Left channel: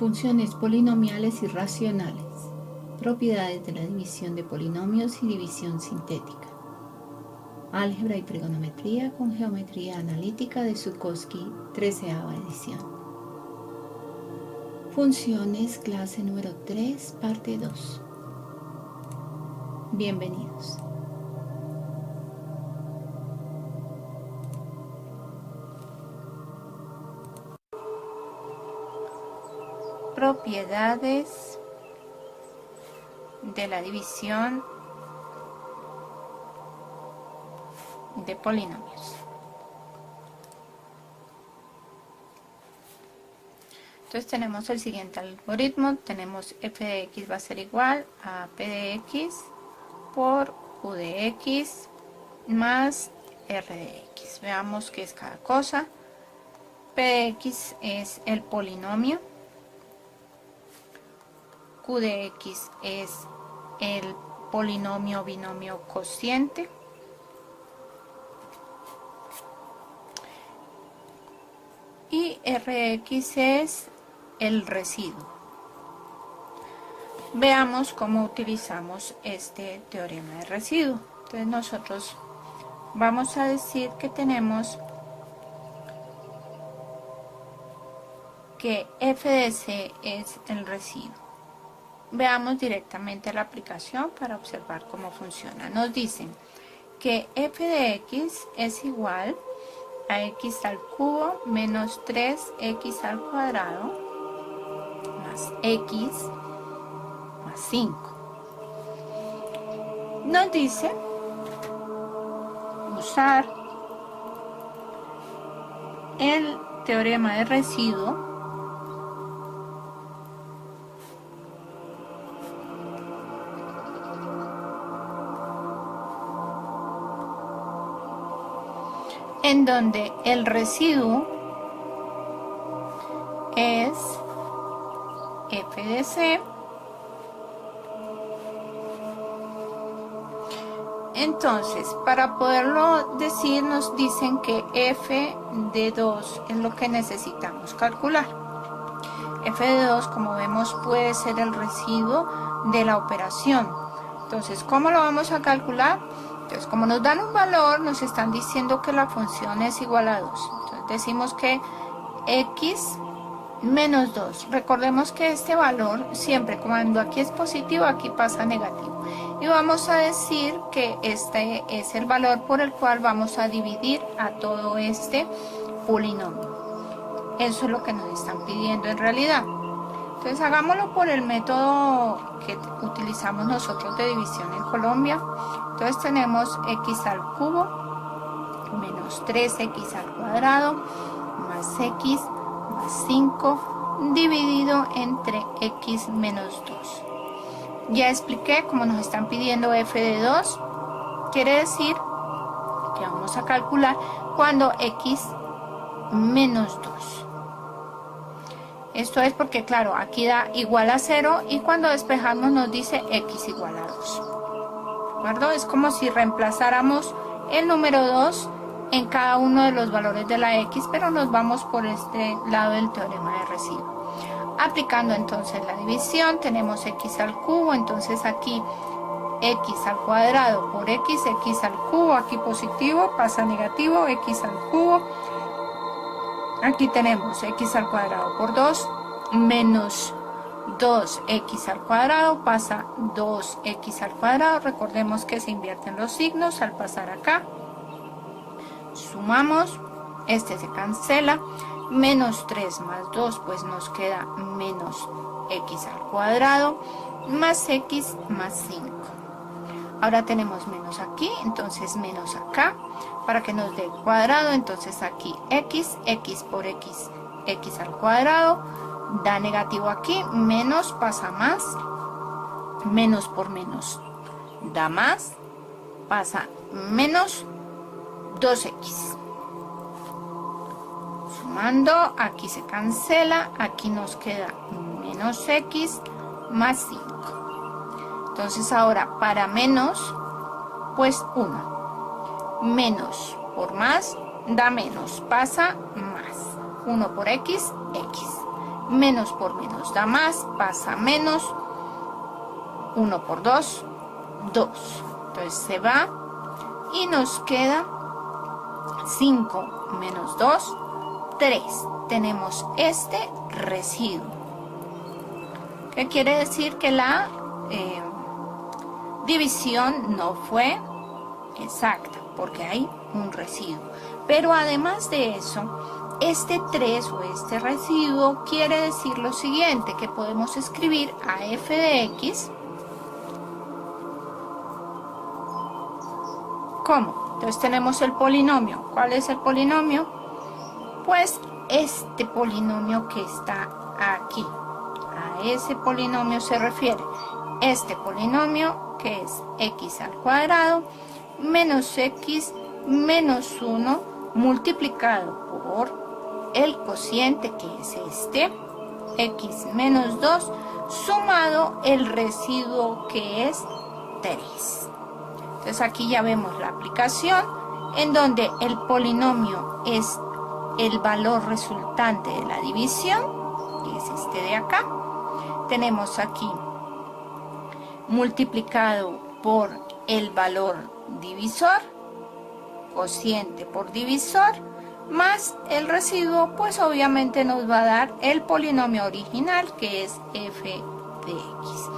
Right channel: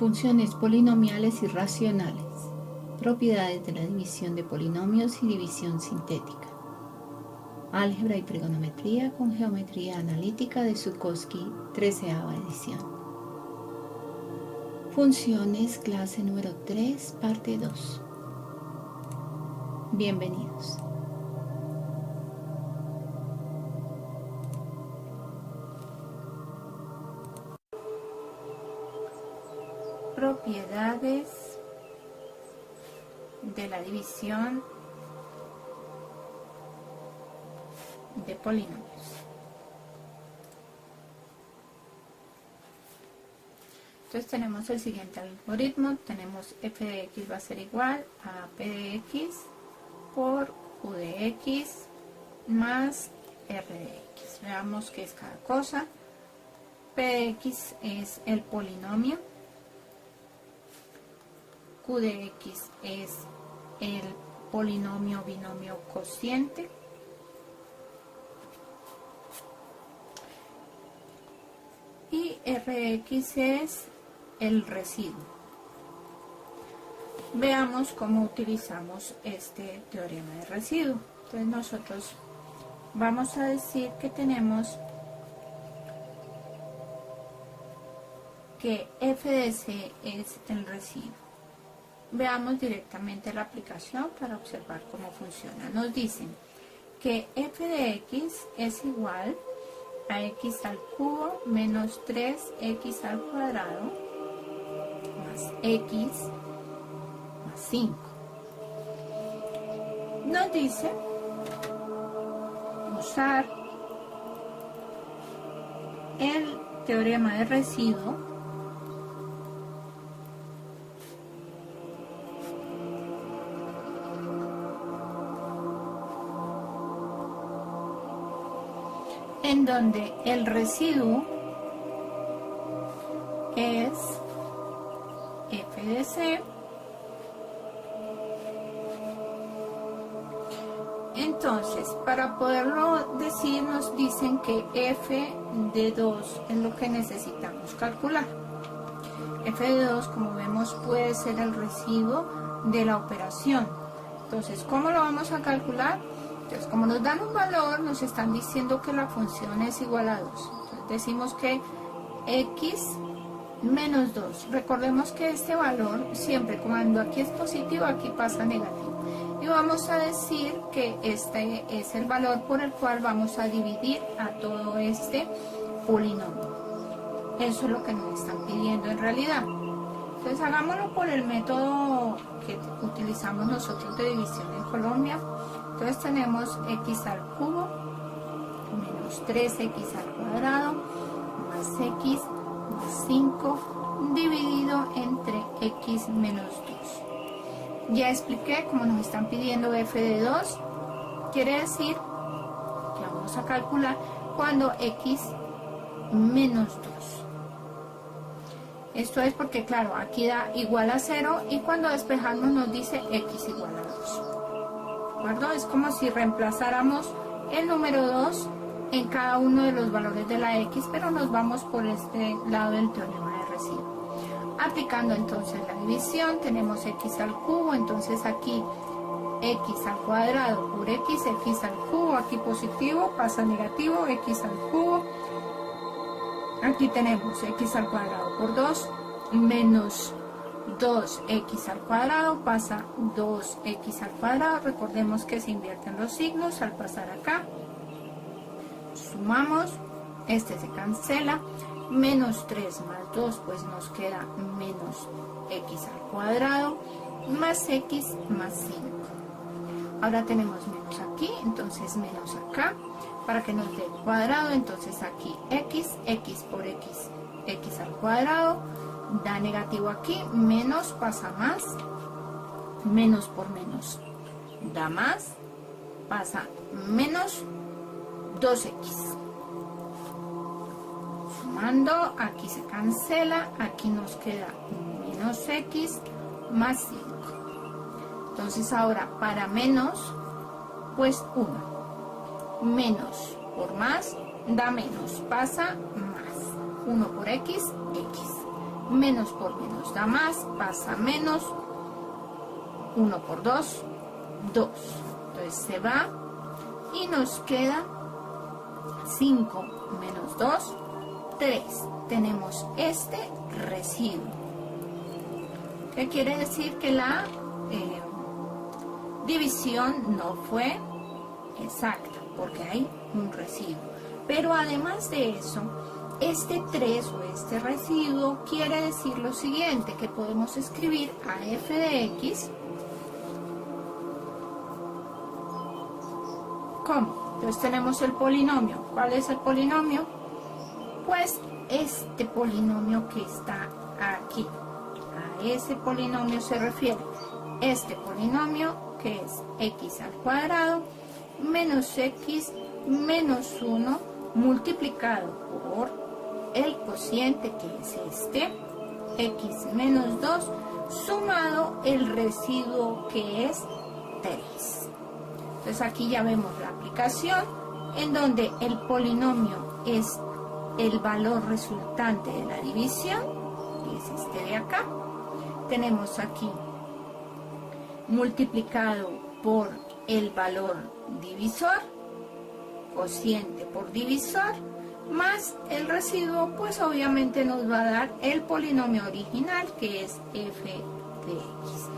Funciones polinomiales y racionales. Propiedades de la división de polinomios y división sintética. Álgebra y trigonometría con geometría analítica de Zukovsky, 13ª edición. Funciones, clase número 3, parte 2. Bienvenidos. Propiedades de la división de polinomios. Entonces tenemos el siguiente algoritmo. Tenemos f de x va a ser igual a p de x por q de x más r de x. Veamos qué es cada cosa. P de x es el polinomio. Q de x es el polinomio binomio cociente. Y r de x es el residuo. Veamos cómo utilizamos este teorema de residuo. Entonces nosotros vamos a decir que tenemos que f de c es el residuo. Veamos directamente la aplicación para observar cómo funciona. Nos dicen que f de x es igual a x al cubo menos 3x al cuadrado más x más 5. Nos dice usar el teorema de residuo en donde el residuo es f de c. Entonces, para poderlo decir, nos dicen que f de 2 es lo que necesitamos calcular. F de 2, como vemos, puede ser el residuo de la operación. Entonces, ¿cómo lo vamos a calcular? Entonces, como nos dan un valor, nos están diciendo que la función es igual a 2. Entonces, decimos que x menos 2. Recordemos que este valor, siempre cuando aquí es positivo, aquí pasa negativo. Y vamos a decir que este es el valor por el cual vamos a dividir a todo este polinomio. Eso es lo que nos están pidiendo en realidad. Entonces, hagámoslo por el método que utilizamos nosotros de división en Colombia. Entonces, tenemos x al cubo menos 3x al cuadrado más x más 5 dividido entre x menos 2. Ya expliqué cómo nos están pidiendo f de 2. Quiere decir que vamos a calcular cuando x menos 2. Esto es porque, claro, aquí da igual a 0 y cuando despejamos nos dice x igual a 2. ¿De acuerdo? Es como si reemplazáramos el número 2 en cada uno de los valores de la x, pero nos vamos por este lado del teorema de residuo. Aplicando entonces la división, tenemos x al cubo, entonces aquí x al cuadrado por x al cubo, aquí positivo, pasa negativo, x al cubo. Aquí tenemos x al cuadrado por 2 menos 2x al cuadrado, pasa 2x al cuadrado. Recordemos que se invierten los signos al pasar acá. Sumamos, este se cancela, menos 3 más 2, pues nos queda menos x al cuadrado, más x más 5. Ahora tenemos menos aquí, entonces menos acá, para que nos dé cuadrado, entonces aquí x por x al cuadrado, da negativo aquí, menos pasa más, menos por menos da más, pasa menos 2x. Sumando, aquí se cancela, aquí nos queda menos x más 5. Entonces ahora para menos, pues 1. Menos por más da menos, pasa más. 1 por x, x. Menos por menos da más, pasa menos. 1 por 2, 2. Entonces se va y nos queda 5 menos 2, 3. Tenemos este residuo. ¿Qué quiere decir? Que la división no fue exacta porque hay un residuo. Pero además de eso, este 3 o este residuo quiere decir lo siguiente, que podemos escribir a f de x como, entonces tenemos el polinomio. ¿Cuál es el polinomio? Pues este polinomio que está aquí. A ese polinomio se refiere este polinomio, que es x al cuadrado menos x menos 1 multiplicado por el cociente, que es este, x menos 2, sumado el residuo, que es 3. Entonces aquí ya vemos la aplicación en donde el polinomio es el valor resultante de la división, que es este de acá. Tenemos aquí multiplicado por el valor divisor, cociente por divisor, más el residuo, pues obviamente nos va a dar el polinomio original, que es f de x.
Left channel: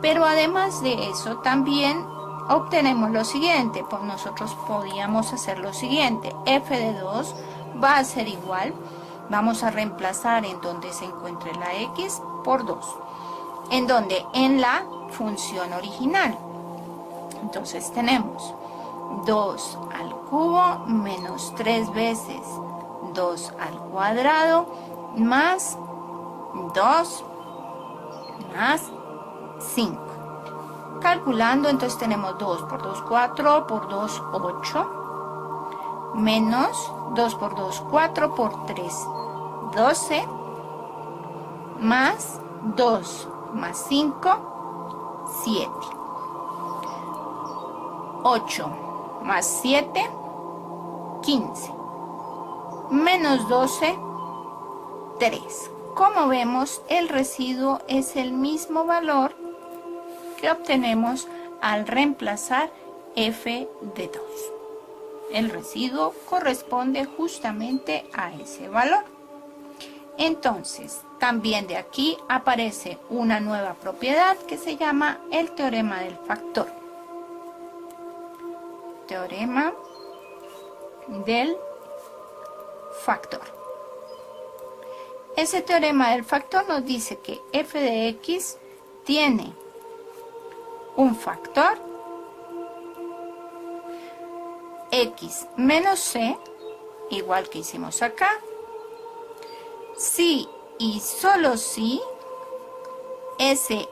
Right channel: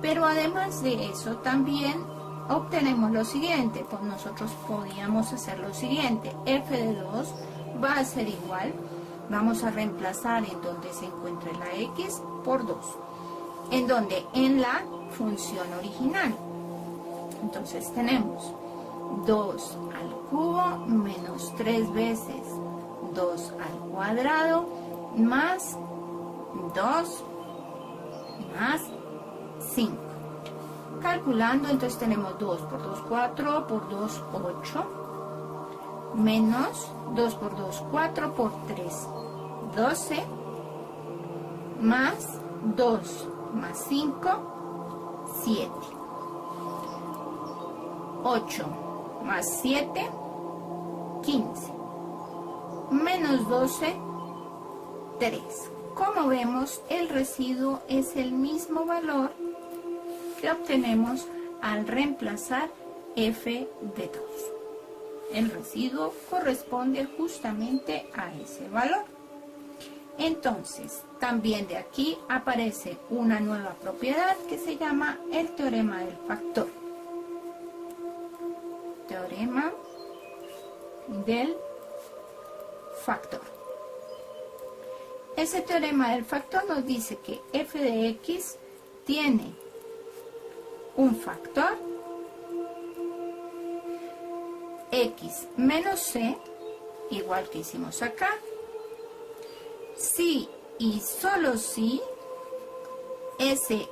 Pero además de eso también obtenemos lo siguiente, pues nosotros podíamos hacer lo siguiente, f de 2 va a ser igual, vamos a reemplazar en donde se encuentre la x por 2, en donde en la función original. Entonces tenemos 2 al cubo menos 3 veces 2 al cuadrado más 2 más 5. Calculando, entonces tenemos 2 por 2, 4, por 2, 8, menos 2 por 2, 4, por 3, 12, más 2 más 5, 7. 8 más 7, 15. Menos 12, 3. Como vemos, el residuo es el mismo valor que obtenemos al reemplazar f de 2. El residuo corresponde justamente a ese valor. Entonces, también de aquí aparece una nueva propiedad que se llama el teorema del factor. Teorema del factor. Ese teorema del factor nos dice que f de x tiene un factor x menos c, igual que hicimos acá, si y solo si ese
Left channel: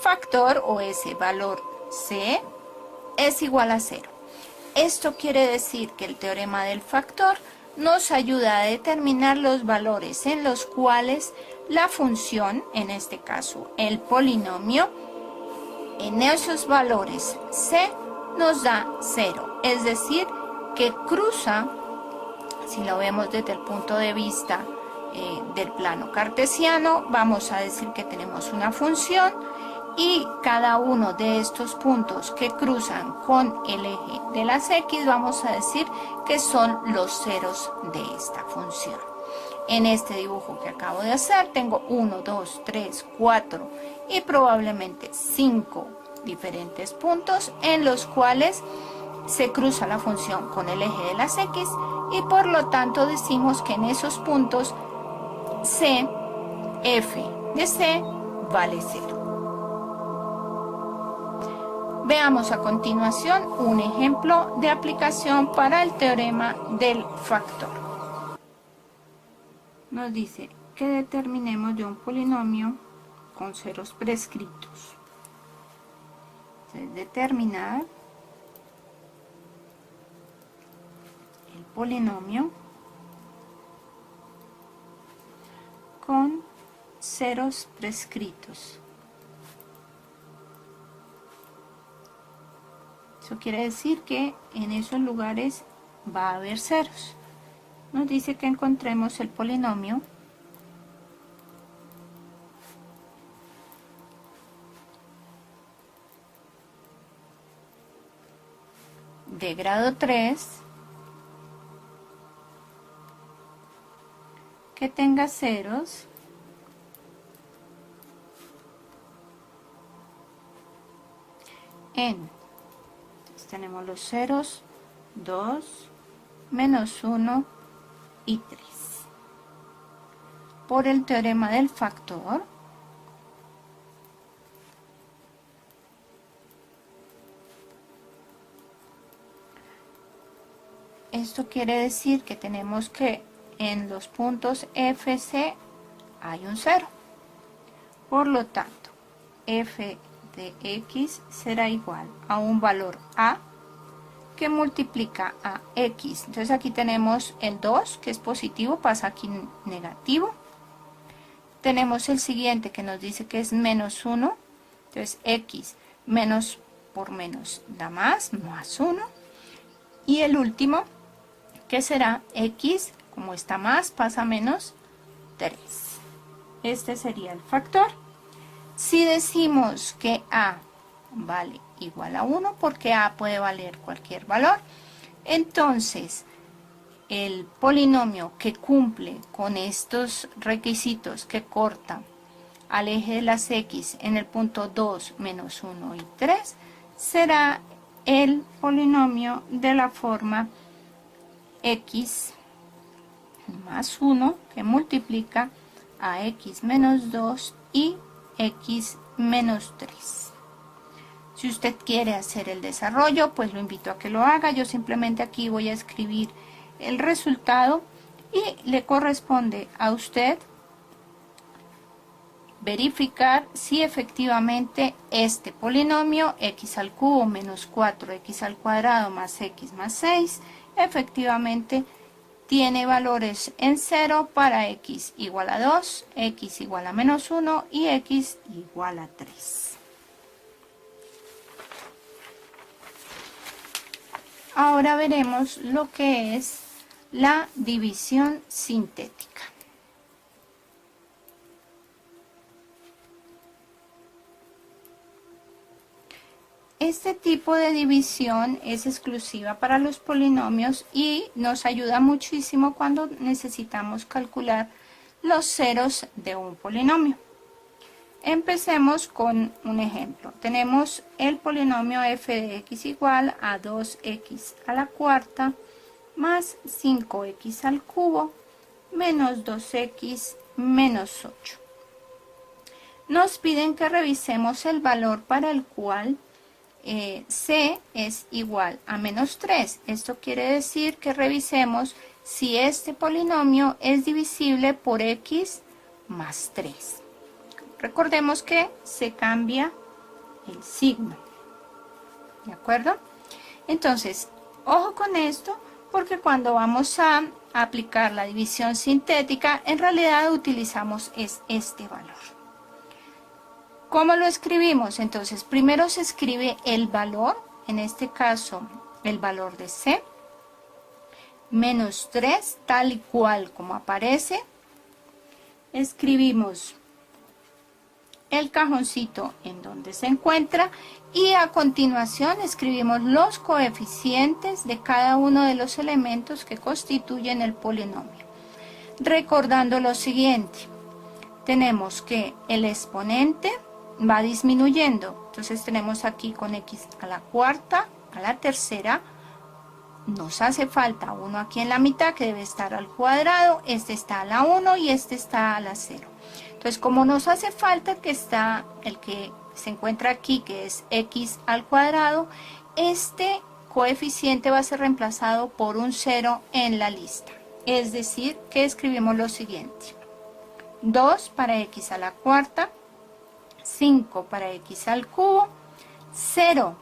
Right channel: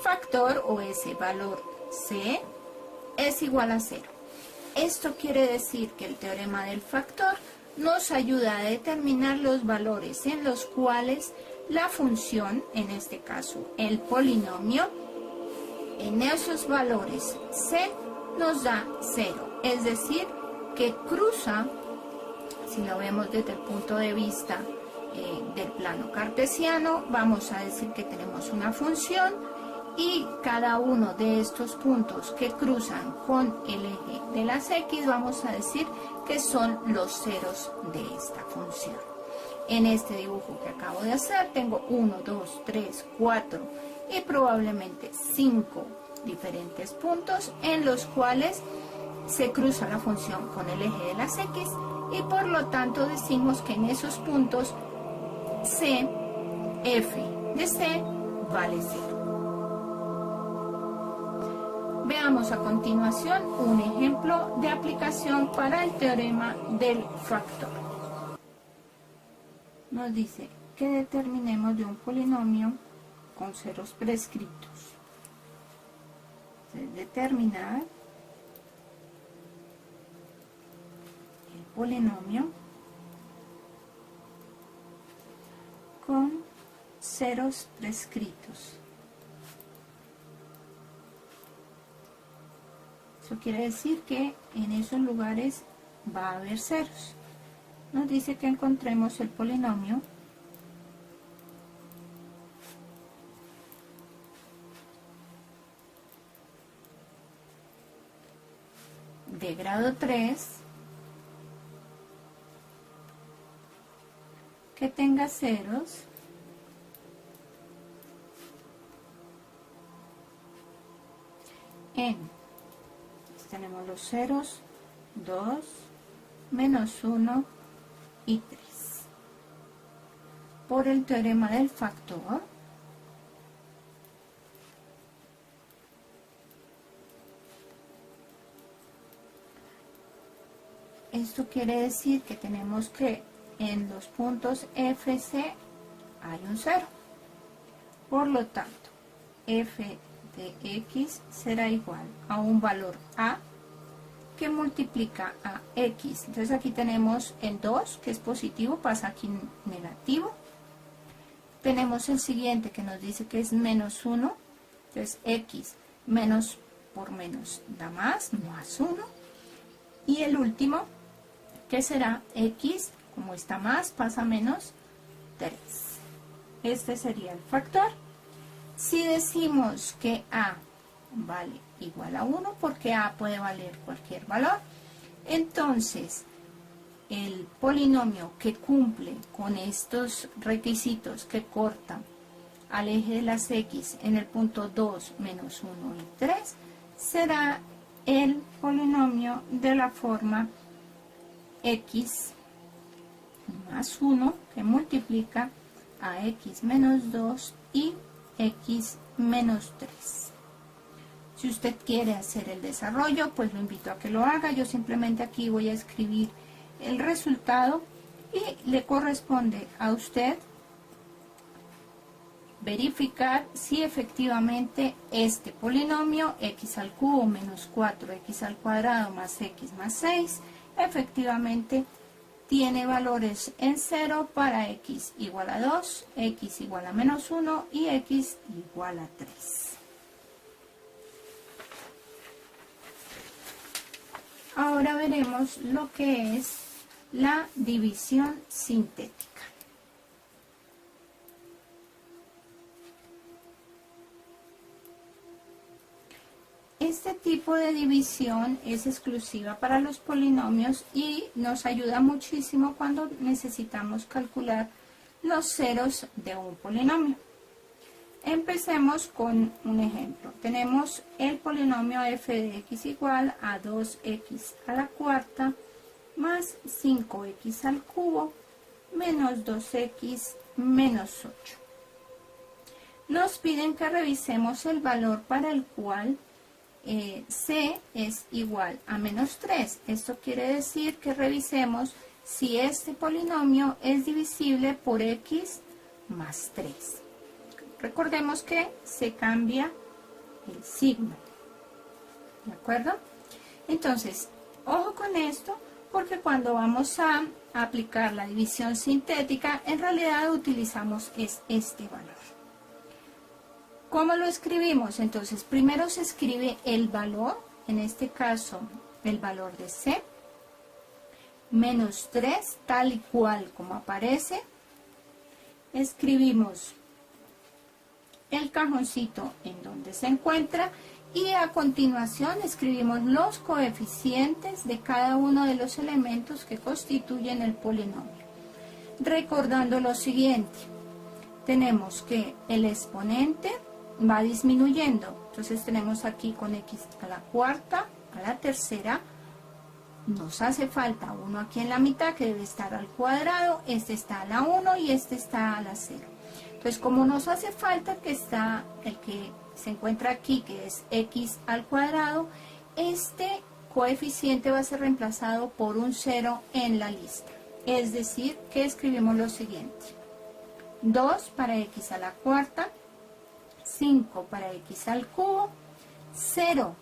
factor o ese valor c es igual a 0. Esto quiere decir que el teorema del factor nos ayuda a determinar los valores en los cuales la función, en este caso el polinomio, en esos valores c nos da 0. Es decir, que cruza, si lo vemos desde el punto de vista del plano cartesiano, vamos a decir que tenemos una función y cada uno de estos puntos que cruzan con el eje de las x, vamos a decir que son los ceros de esta función. En este dibujo que acabo de hacer tengo 1, 2, 3, 4 y probablemente 5 diferentes puntos en los cuales se cruza la función con el eje de las x y por lo tanto decimos que en esos puntos c, f de c vale 0. Veamos a continuación un ejemplo de aplicación para el teorema del factor. Nos dice que determinemos de un polinomio con ceros prescritos. Entonces, determinar el polinomio con ceros prescritos. Eso quiere decir que en esos lugares va a haber ceros. Nos dice que encontremos el polinomio de grado 3 que tenga ceros en, tenemos los ceros 2, menos 1 y 3. Por el teorema del factor, esto quiere decir que tenemos que en los puntos FC hay un 0. Por lo tanto, f de x será igual a un valor a que multiplica a x. Entonces aquí tenemos el 2 que es positivo, pasa aquí negativo. Tenemos el siguiente que nos dice que es menos 1. Entonces x menos por menos da más 1. Y el último que será x, como está más, pasa a menos 3. Este sería el factor. Si decimos que a vale igual a 1, porque a puede valer cualquier valor, entonces el polinomio que cumple con estos requisitos que corta al eje de las x en el punto 2, menos 1 y 3, será el polinomio de la forma x más 1 que multiplica a x menos 2 y x menos 3. Si usted quiere hacer el desarrollo, pues lo invito a que lo haga. Yo simplemente aquí voy a escribir el resultado y le corresponde a usted verificar si efectivamente este polinomio x al cubo menos 4x al cuadrado más x más 6 efectivamente tiene valores en 0 para x igual a 2, x igual a menos 1 y x igual a 3. Ahora veremos lo que es la división sintética. Este tipo de división es exclusiva para los polinomios y nos ayuda muchísimo cuando necesitamos calcular los ceros de un polinomio. Empecemos con un ejemplo. Tenemos el polinomio f de x igual a 2x a la cuarta más 5x al cubo menos 2x menos 8. Nos piden que revisemos el valor para el cual c es igual a menos 3. Esto quiere decir que revisemos si este polinomio es divisible por x más 3. Recordemos que se cambia el signo. ¿De acuerdo? Entonces, ojo con esto, porque cuando vamos a aplicar la división sintética, en realidad utilizamos este valor. ¿Cómo lo escribimos? Entonces, primero se escribe el valor, en este caso, el valor de c, menos 3, tal y cual como aparece. Escribimos el cajoncito en donde se encuentra y a continuación escribimos los coeficientes de cada uno de los elementos que constituyen el polinomio. Recordando lo siguiente, tenemos que el exponente va disminuyendo, entonces tenemos aquí con x a la cuarta, a la tercera, nos hace falta uno aquí en la mitad que debe estar al cuadrado, este está a la 1 y este está a la 0. Entonces, como nos hace falta que está el que se encuentra aquí, que es x al cuadrado, este coeficiente va a ser reemplazado por un 0 en la lista. Es decir, que escribimos lo siguiente. 2 para x a la cuarta, 5 para x al cubo, 0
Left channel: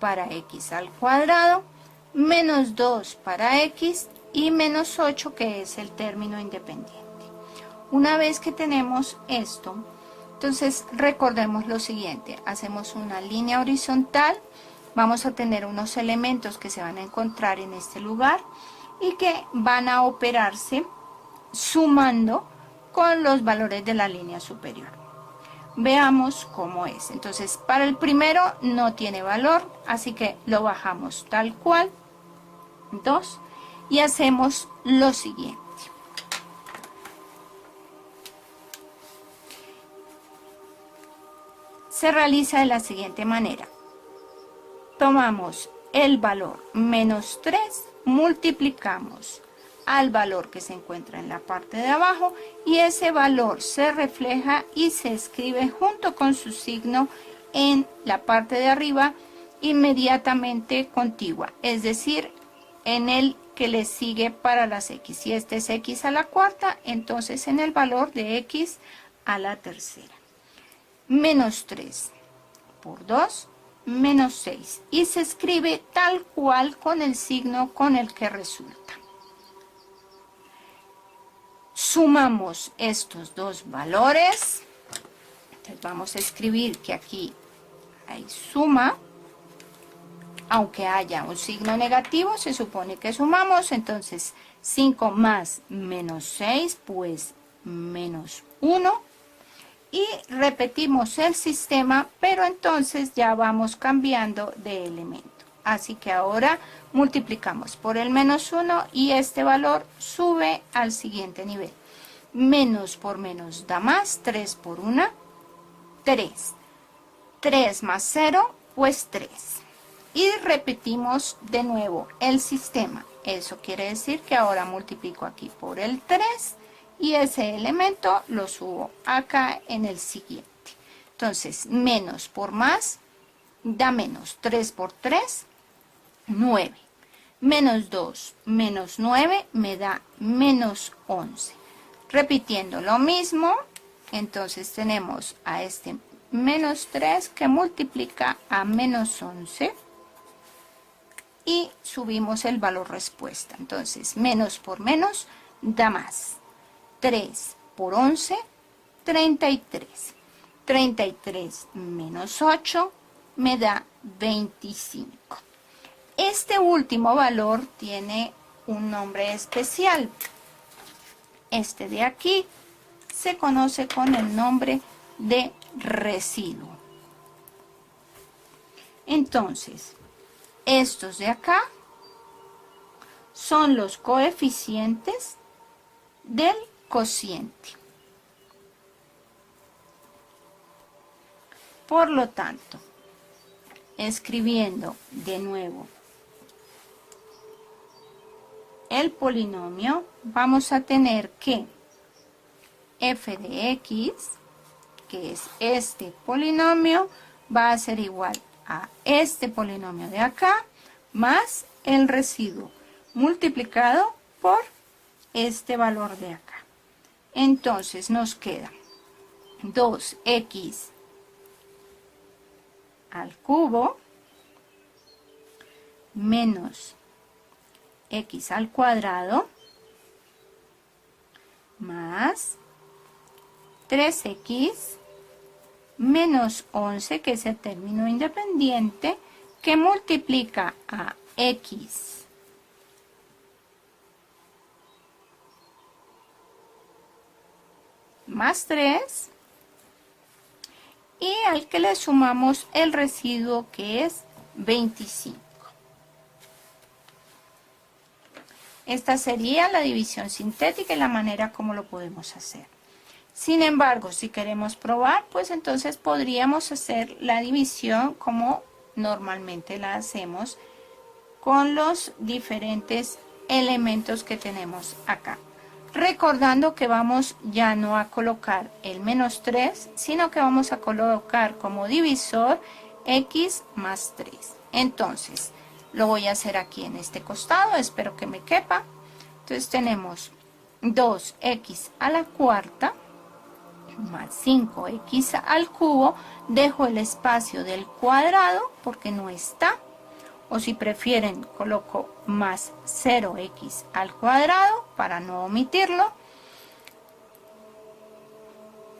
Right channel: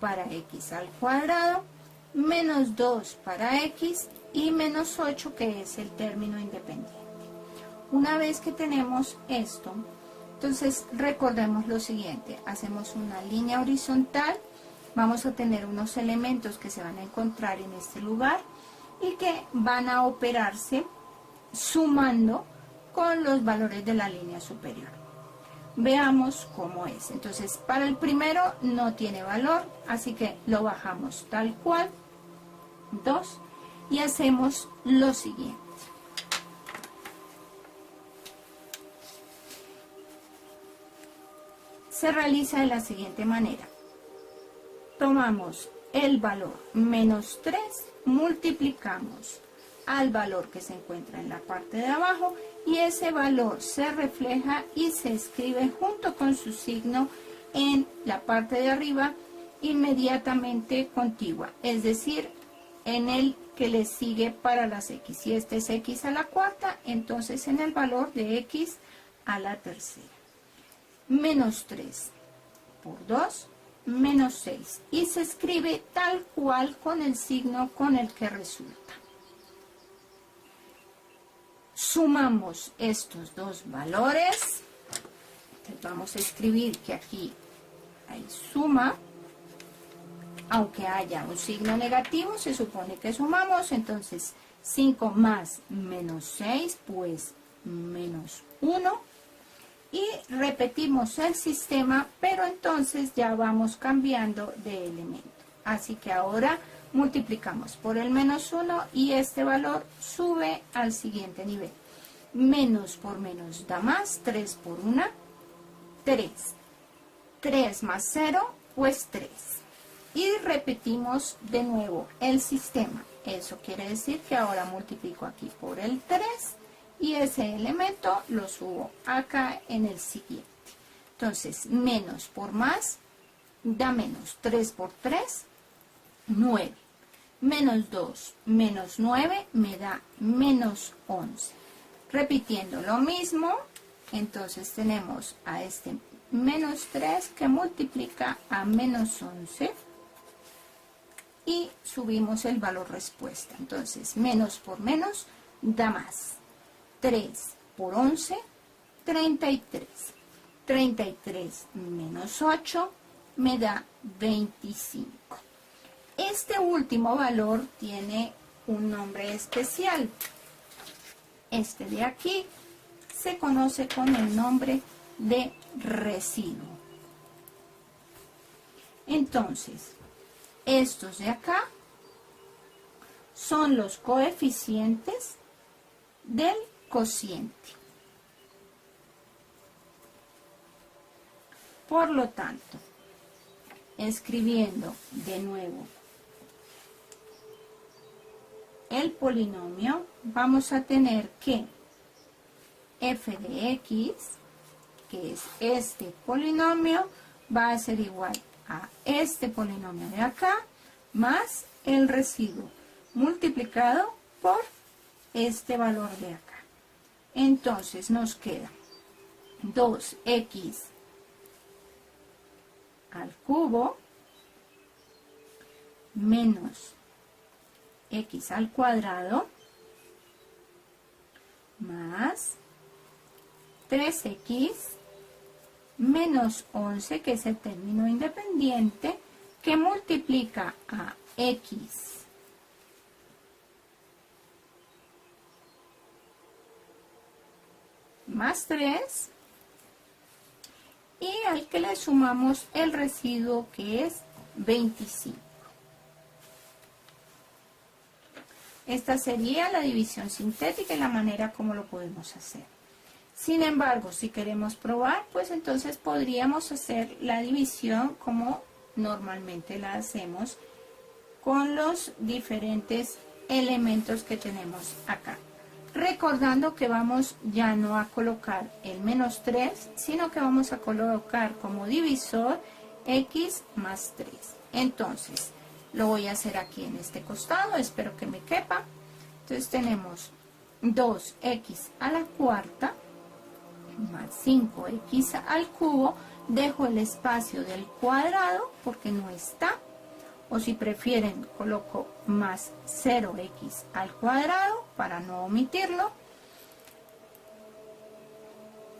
para x al cuadrado, menos 2 para x y menos 8 que es el término independiente. Una vez que tenemos esto, entonces recordemos lo siguiente, hacemos una línea horizontal, vamos a tener unos elementos que se van a encontrar en este lugar y que van a operarse sumando con los valores de la línea superior. Veamos cómo es. Entonces, para el primero no tiene valor, así que lo bajamos tal cual, 2, y hacemos lo siguiente. Se realiza de la siguiente manera. Tomamos el valor menos 3, multiplicamos al valor que se encuentra en la parte de abajo y ese valor se refleja y se escribe junto con su signo en la parte de arriba inmediatamente contigua, es decir, en el que le sigue para las x. Si este es x a la cuarta, entonces en el valor de x a la tercera. Menos 3 por 2, menos 6. Y se escribe tal cual con el signo con el que resulta. Sumamos estos dos valores. Entonces vamos a escribir que aquí hay suma. Aunque haya un signo negativo, se supone que sumamos. Entonces 5 más menos 6, pues menos 1. Y repetimos el sistema, pero entonces ya vamos cambiando de elemento. Así que ahora multiplicamos por el menos 1 y este valor sube al siguiente nivel. Menos por menos da más, 3 por 1, 3. 3 más 0, pues 3. Y repetimos de nuevo el sistema. Eso quiere decir que ahora multiplico aquí por el 3. Y ese elemento lo subo acá en el siguiente. Entonces, menos por más da menos. 3 por 3, 9. Menos 2 menos 9 me da menos 11. Repitiendo lo mismo, entonces tenemos a este menos 3 que multiplica a menos 11. Y subimos el valor respuesta. Entonces, menos por menos da más. 3 por 11, 33. 33 menos 8 me da 25. Este último valor tiene un nombre especial. Este de aquí se conoce con el nombre de residuo. Entonces, estos de acá son los coeficientes del cociente. Por lo tanto, escribiendo de nuevo el polinomio, vamos a tener que f de x, que es este polinomio, va a ser igual a este polinomio de acá, más el residuo multiplicado por este valor de acá. Entonces nos queda 2x al cubo menos x al cuadrado más 3x menos 11, que es el término independiente, que multiplica a x más 3 y al que le sumamos el residuo, que es 25. Esta sería la división sintética y la manera como lo podemos hacer. Sin embargo, si queremos probar, pues entonces podríamos hacer la división como normalmente la hacemos con los diferentes elementos que tenemos acá. Recordando que vamos ya no a colocar el menos 3, sino que vamos a colocar como divisor x más 3. Entonces, lo voy a hacer aquí en este costado, espero que me quepa. Entonces tenemos 2x a la cuarta más 5x al cubo. Dejo el espacio del cuadrado porque no está. O si prefieren, coloco más 0x al cuadrado para no omitirlo.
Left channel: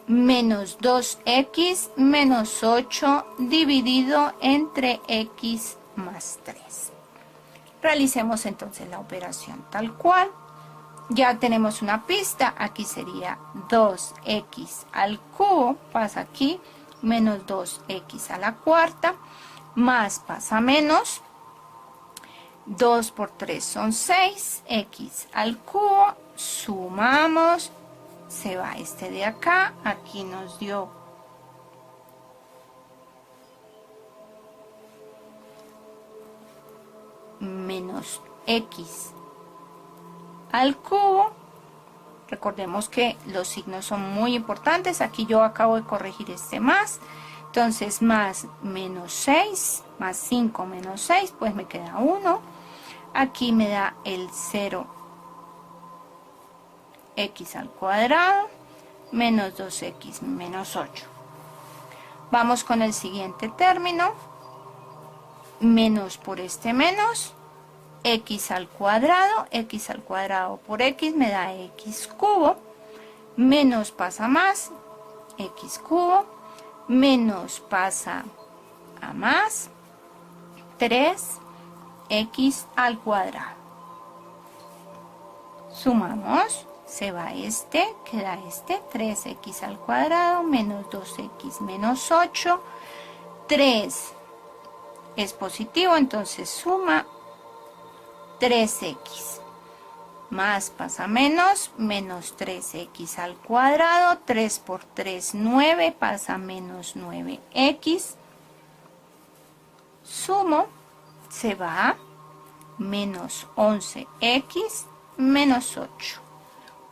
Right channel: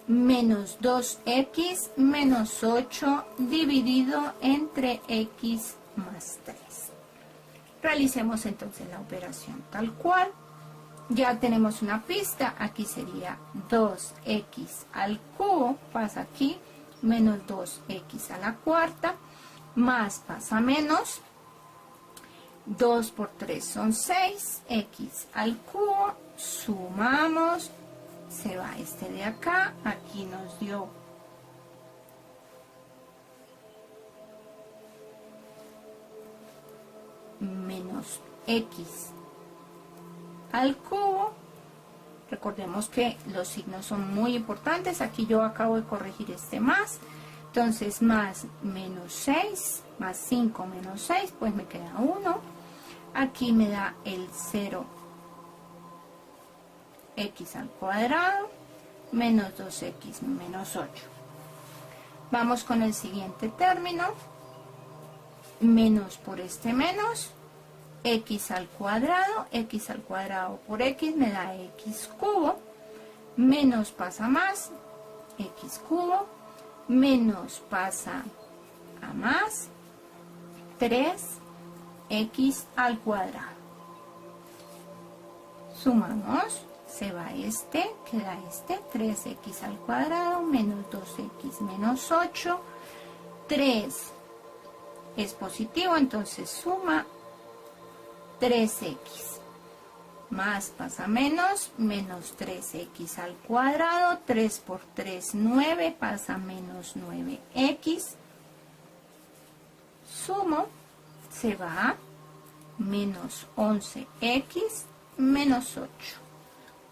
Menos 2x menos 8 dividido entre x más 3. Realicemos entonces la operación tal cual. ya tenemos una pista. Aquí sería 2x al cubo, pasa aquí, menos 2x a la cuarta, más pasa menos, 2 por 3 son 6, x al cubo, sumamos, se va este de acá, aquí nos dio menos x al cubo. Recordemos que los signos son muy importantes. Aquí yo acabo de corregir este más. Entonces, más menos 6, más 5 menos 6, pues me queda 1. Aquí me da el 0x al cuadrado, menos 2x menos 8. Vamos con el siguiente término. Menos por este menos, x al cuadrado por x me da x cubo, menos pasa más, x cubo, menos pasa a más, 3x al cuadrado. Sumamos, se va este, queda este, 3x al cuadrado, menos 2x menos 8, 3 es positivo, entonces suma 3x, más pasa menos, menos 3x al cuadrado, 3 por 3, 9, pasa menos 9x, sumo, se va, menos 11x, menos 8.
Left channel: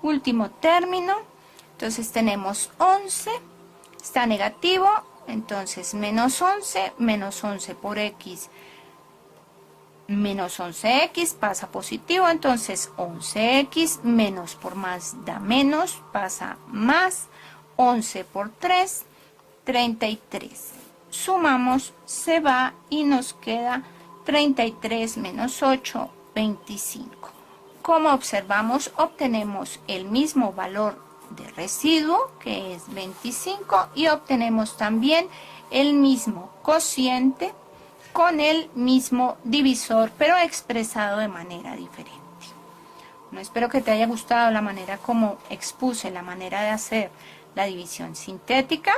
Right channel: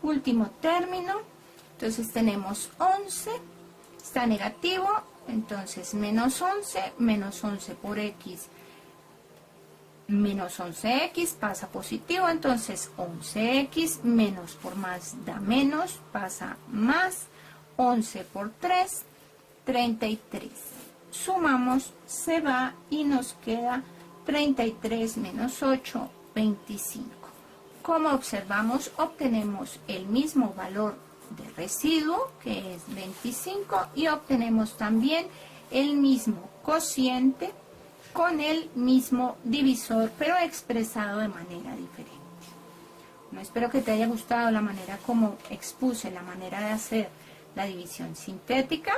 Último término, entonces tenemos 11, está negativo, entonces menos 11 por x, menos 11x pasa positivo, entonces 11x, menos por más da menos, pasa más, 11 por 3, 33. Sumamos, se va y nos queda 33 menos 8, 25. Como observamos, obtenemos el mismo valor de residuo, que es 25, y obtenemos también el mismo cociente con el mismo divisor, pero expresado de manera diferente. Bueno, espero que te haya gustado la manera como expuse la manera de hacer la división sintética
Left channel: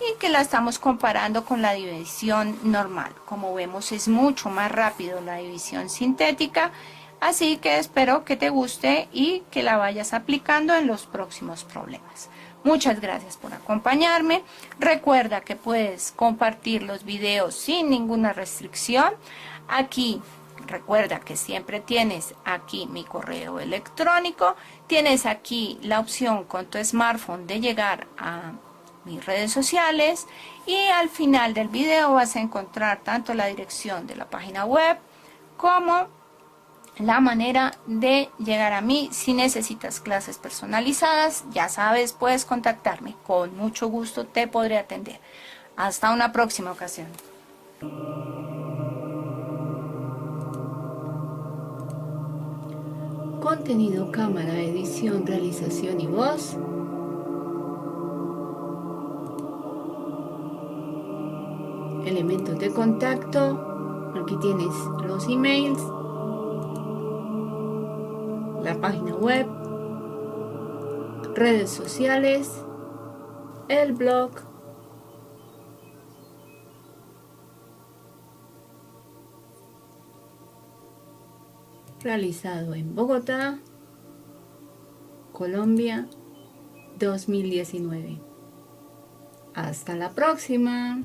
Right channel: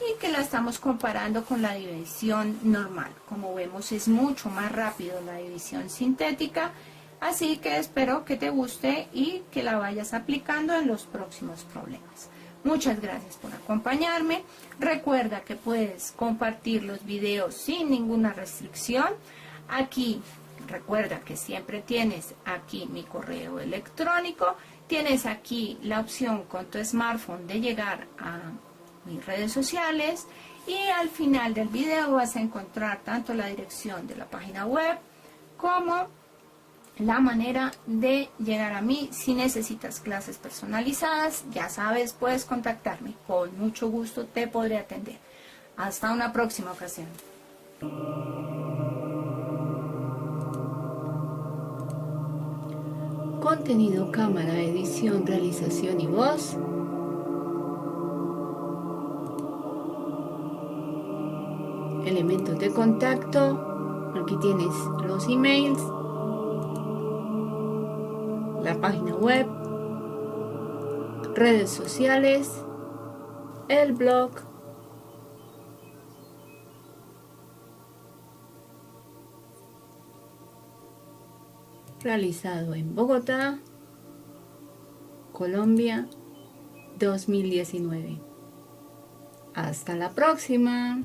y que la estamos comparando con la división normal. Como vemos, es mucho más rápido la división sintética, así que espero que te guste y que la vayas aplicando en los próximos problemas. Muchas gracias por acompañarme. Recuerda que puedes compartir los videos sin ninguna restricción. Aquí, recuerda que siempre tienes aquí mi correo electrónico. Tienes aquí la opción con tu smartphone de llegar a mis redes sociales. Y al final del video vas a encontrar tanto la dirección de la página web como la manera de llegar a mí. Si necesitas clases personalizadas, ya sabes, puedes contactarme. Con mucho gusto te podré atender. Hasta una próxima ocasión. Contenido, cámara, edición, realización y voz. Elementos de contacto. Aquí tienes los emails, la página web, redes sociales, el blog, realizado en Bogotá, Colombia, 2019. Hasta la próxima.